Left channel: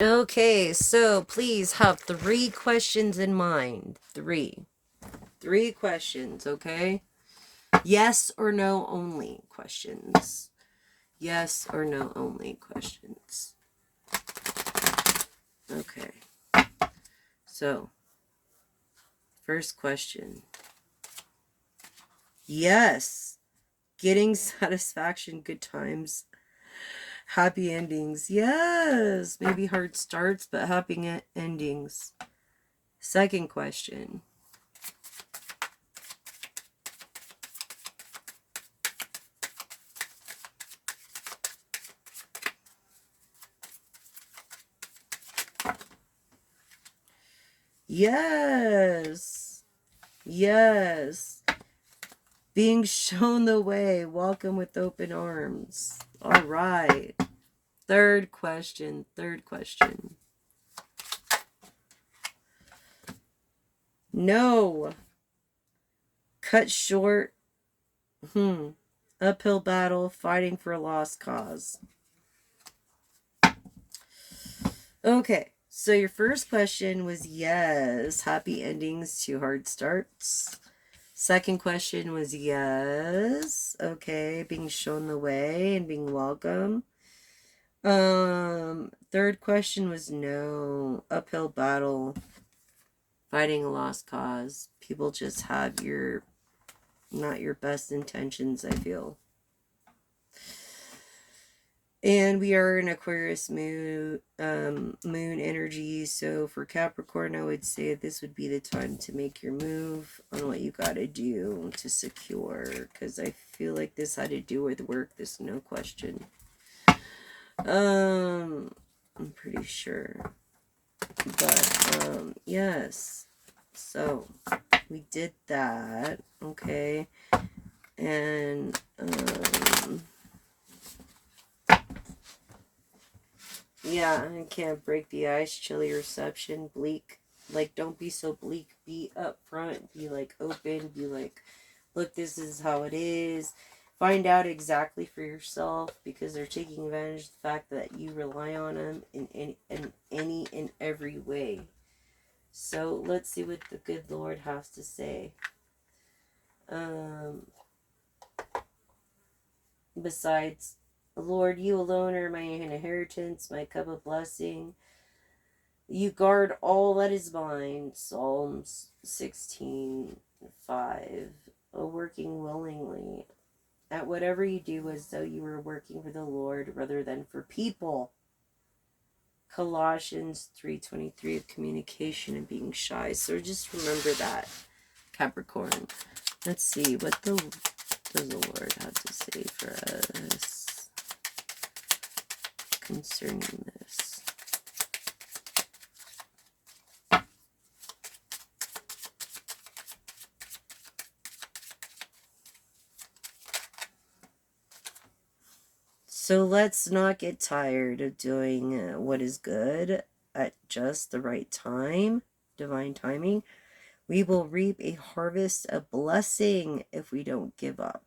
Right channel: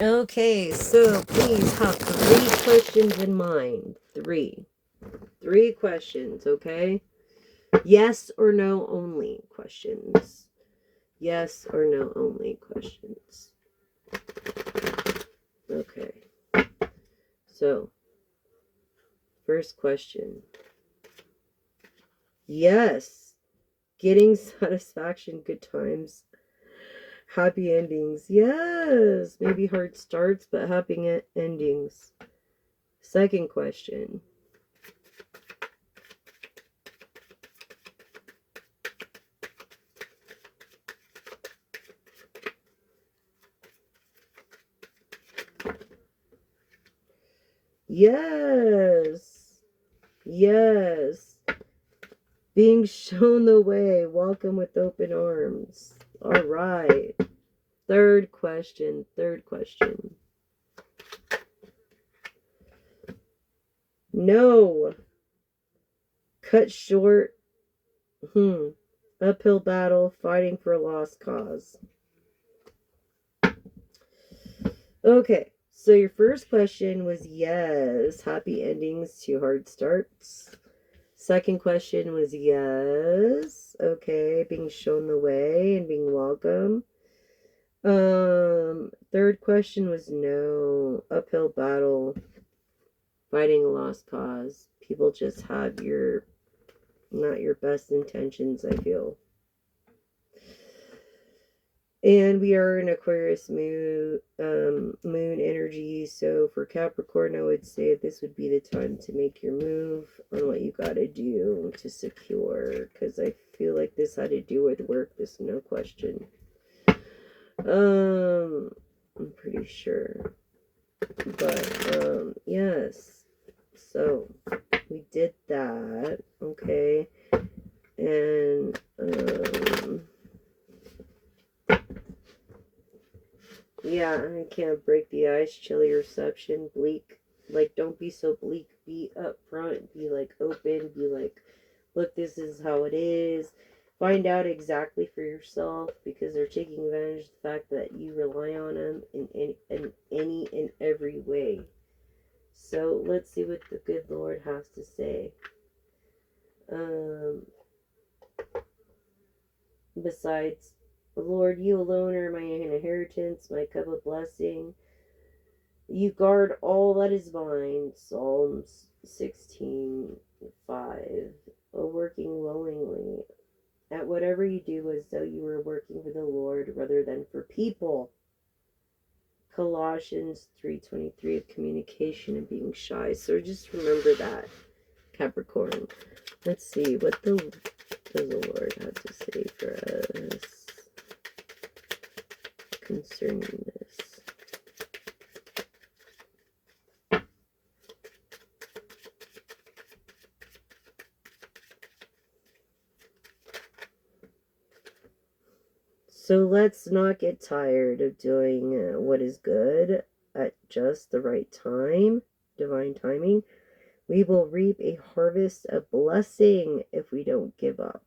Okay, so please have 3 questions in mind. Three questions, okay? Yes or no only questions. Yes or no only questions. Okay. So, first question. Yes. Getting satisfaction, good times, happy endings. Yes. Maybe hard starts, but happy endings. Second question. Yes. Yes. Being shown the way. Welcome with open arms. All right. Third question. No. Cut short. Uphill battle. Fighting for a lost cause. Okay. So your first question was yes. Happy endings to hard starts. Second question was yes. Okay. Being shown the way and being welcome. Third question was no. Uphill battle. Fighting a lost cause. People just have not your best intentions, I feel. And we are in Aquarius moon energy. So for Capricorn, I would say this would be the time to make your move on what you got to do to secure. Because I feel like this had to do with work. This no question. I'm pretty sure. But yes. So we did that. Okay. And yeah, I can't break the ice. Chilly reception, bleak. Like, don't be so bleak. Be upfront. Be like open. Be like, look, this is how it is. Find out exactly for yourself, because they're taking advantage of the fact that you rely on them in any and every way. So let's see what the good Lord has to say. Um, Besides, Lord, you alone are my inheritance, my cup of blessing. You guard all that is mine. Psalms 16:5. Working willingly. At whatever you do, as though you were working for the Lord rather than for people. Colossians 3:23 of communication and being shy. So just remember that, Capricorn. Let's see, what does the Lord have to say for us concerning this? So let's not get tired of doing what is good at just the right time, divine timing. We will reap a harvest of blessing if we don't give up.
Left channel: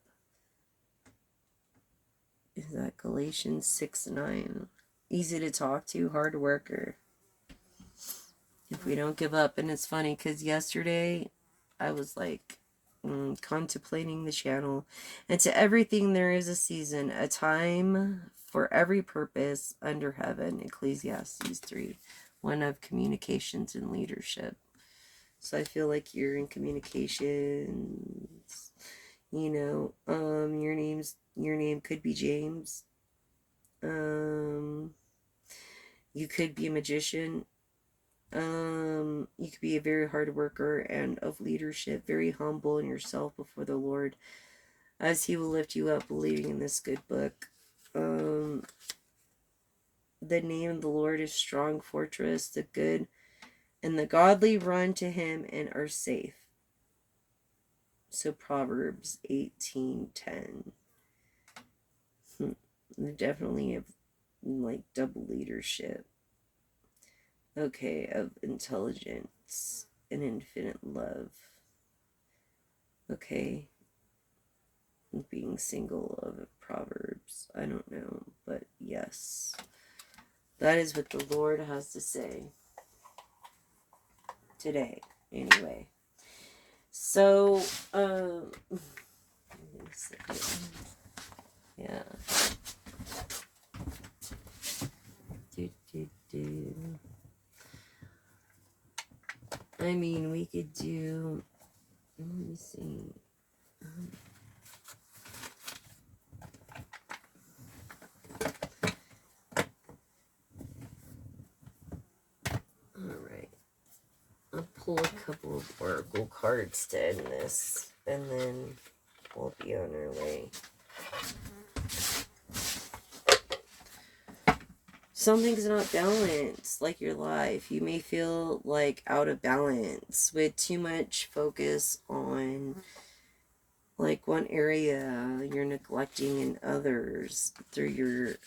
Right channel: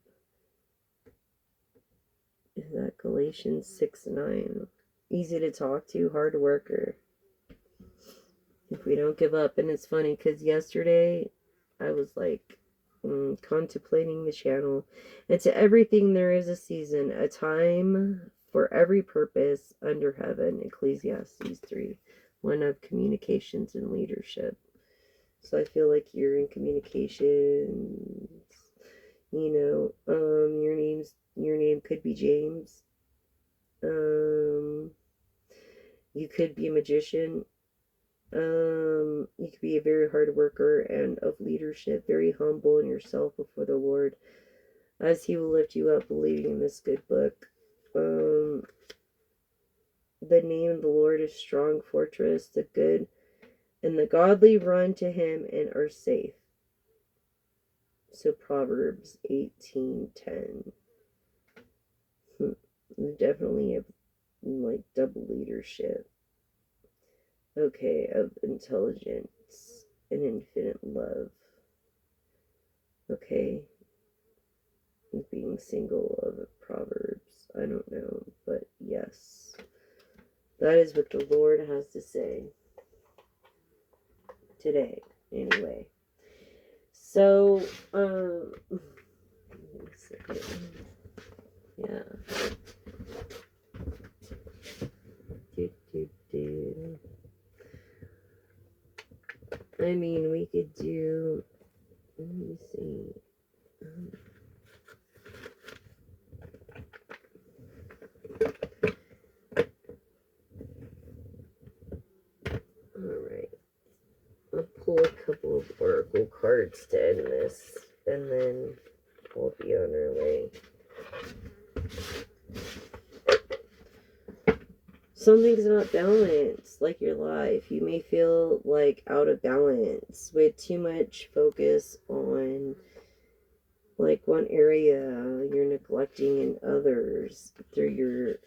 Is that Galatians 6:9? Easy to talk to, hard worker. If we don't give up. And it's funny because yesterday I was like contemplating the channel. And to everything there is a season, a time for every purpose under heaven. Ecclesiastes 3. One of communications and leadership. So I feel like you're in communications. Your name could be James. You could be a magician. You could be a very hard worker and of leadership, very humble in yourself before the Lord, as He will lift you up, believing in this good book. The name of the Lord is strong fortress. The good and the godly run to Him and are safe. So Proverbs 18:10. Definitely have like double leadership. Okay, of intelligence and infinite love. Okay, being single of Proverbs. I don't know, but yes. That is what the Lord has to say today, anyway. So, yeah. I mean, we could do, let me see. All right. I'll pull a couple of oracle cards to end this, and then we'll be on our way. Something's not balanced, like your life. You may feel like out of balance with too much focus on like one area you're neglecting in others through your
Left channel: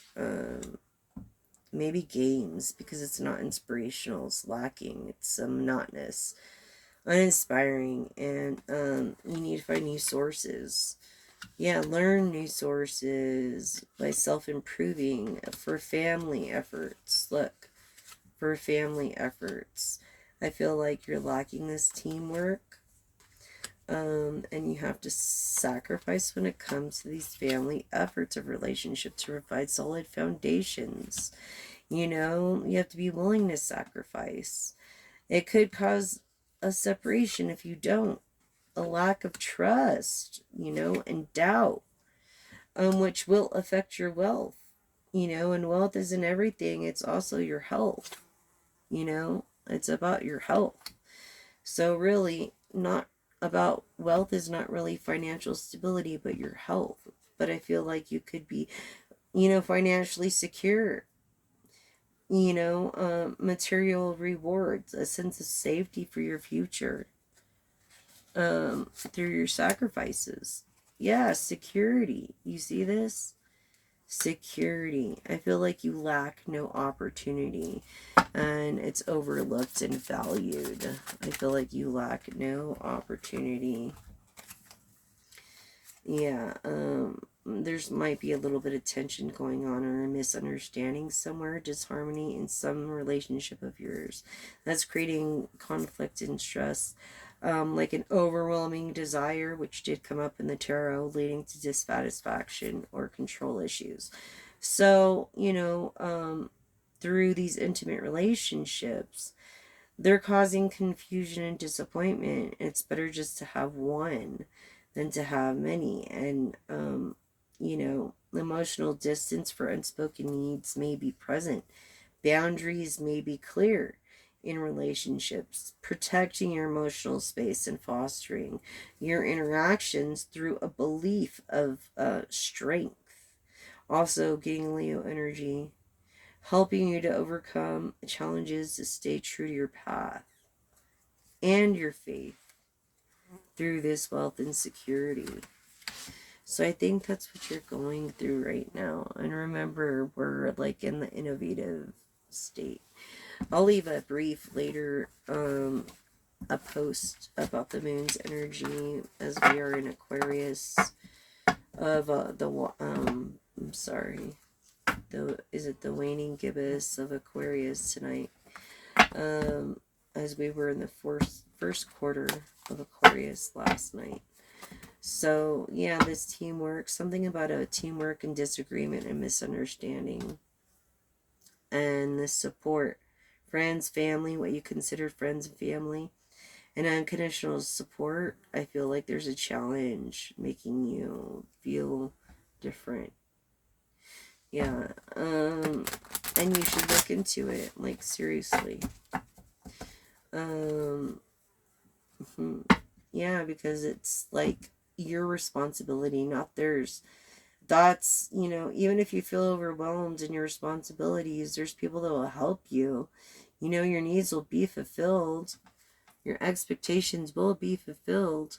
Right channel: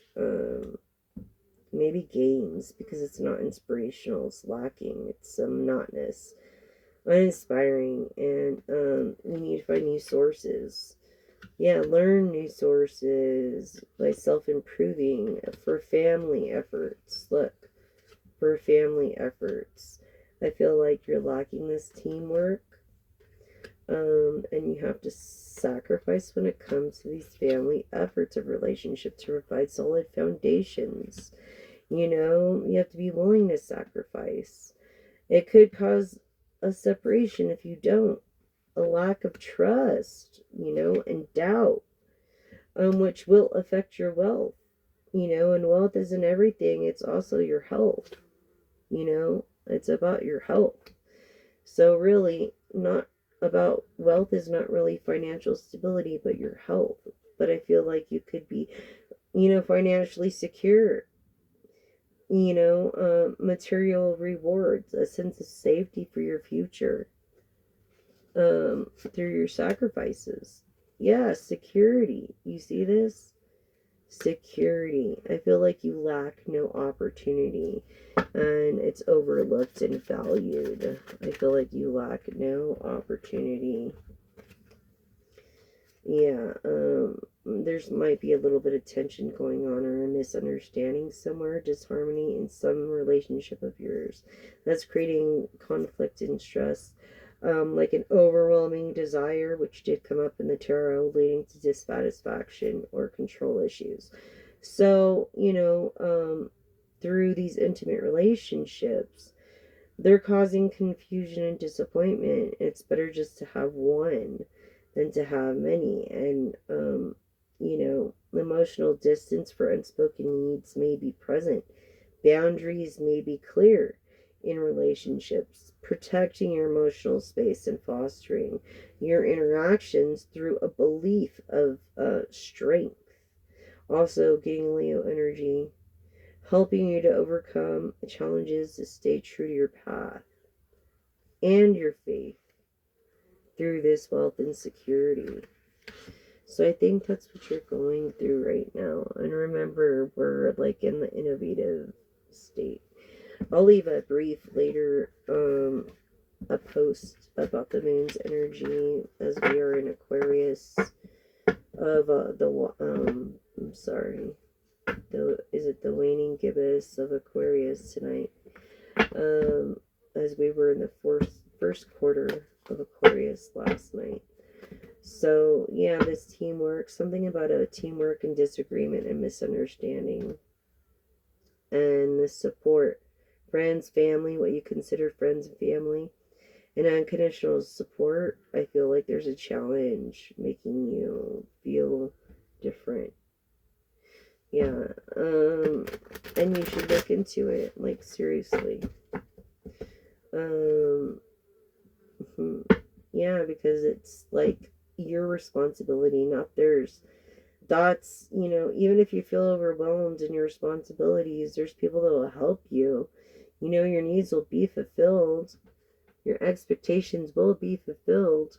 maybe games, because it's not inspirational, it's lacking, it's monotonous, uninspiring, and you need to find new sources. Yeah, learn new sources by self-improving for family efforts. Look, for family efforts. I feel like you're lacking this teamwork. And you have to sacrifice when it comes to these family efforts of relationship to provide solid foundations. You know, you have to be willing to sacrifice. It could cause a separation if you don't, a lack of trust, you know, and doubt, which will affect your wealth, you know, and wealth isn't everything, it's also your health, you know, it's about your health. So, really, not about wealth is not really financial stability, but your health. But I feel like you could be, you know, financially secure, you know, material rewards, a sense of safety for your future through your sacrifices. Yeah, security. You see this? Security. I feel like you lack no opportunity and it's overlooked and valued. I feel like you lack no opportunity. Yeah, there's might be a little bit of tension going on or a misunderstanding somewhere, disharmony in some relationship of yours. That's creating conflict and stress. Like an overwhelming desire, which did come up in the tarot, leading to dissatisfaction or control issues. So, you know, through these intimate relationships, they're causing confusion and disappointment. It's better just to have one than to have many. And, you know, emotional distance for unspoken needs may be present. Boundaries may be clear in relationships, protecting your emotional space and fostering your interactions through a belief of strength. Also, getting Leo energy, helping you to overcome challenges to stay true to your path and your faith through this wealth and security. So I think that's what you're going through right now. And remember, we're like in the innovative state. I'll leave a brief later a post about the moon's energy as we are in Aquarius of I'm sorry, is it the waning gibbous of Aquarius tonight, as we were in the first quarter of Aquarius last night. So yeah, this teamwork, something about a teamwork and disagreement and misunderstanding, and the support, friends, family, what you consider friends and family, and unconditional support. I feel like there's a challenge making you feel different. Yeah, and you should look into it, like, seriously. Yeah, because it's like your responsibility, not theirs. That's, you know, even if you feel overwhelmed in your responsibilities, there's people that will help you. You know, your needs will be fulfilled, your expectations will be fulfilled,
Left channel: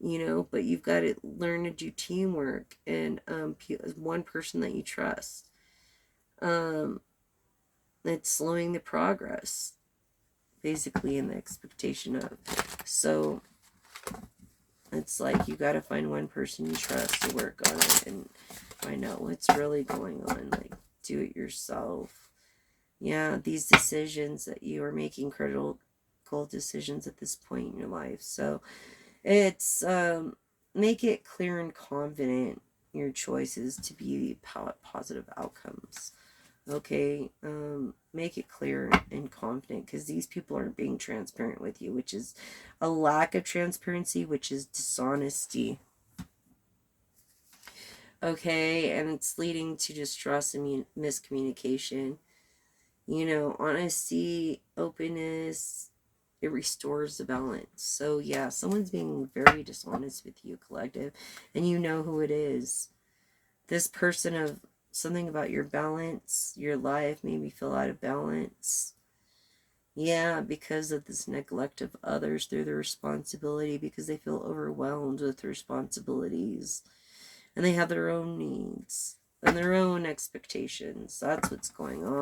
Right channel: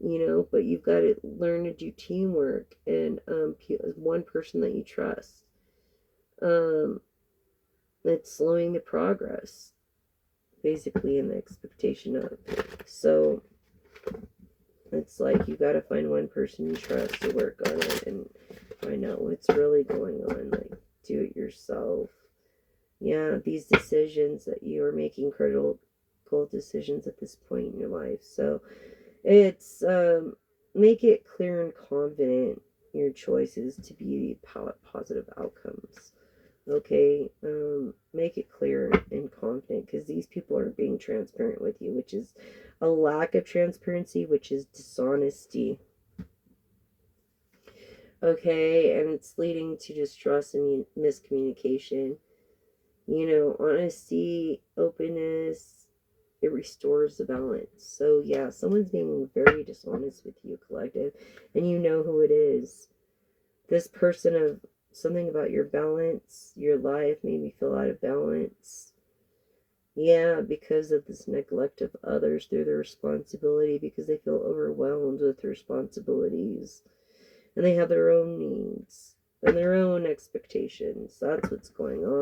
you know, but you've got to learn to do teamwork and one person that you trust. It's slowing the progress, basically, in the expectation of. So it's like you got to find one person you trust to work on it and find out what's really going on. Like, do it yourself. Yeah, these decisions that you are making, critical decisions at this point in your life. So it's make it clear and confident your choices to be positive outcomes. Okay, make it clear and confident, because these people aren't being transparent with you, which is a lack of transparency, which is dishonesty. Okay, and it's leading to distrust and miscommunication. You know, honesty, openness, it restores the balance. So yeah, someone's being very dishonest with you, collective, and you know who it is. This person of something about your balance, your life made me feel out of balance. Yeah, because of this neglect of others through their responsibility, because they feel overwhelmed with responsibilities and they have their own needs and their own expectations. That's what's going on.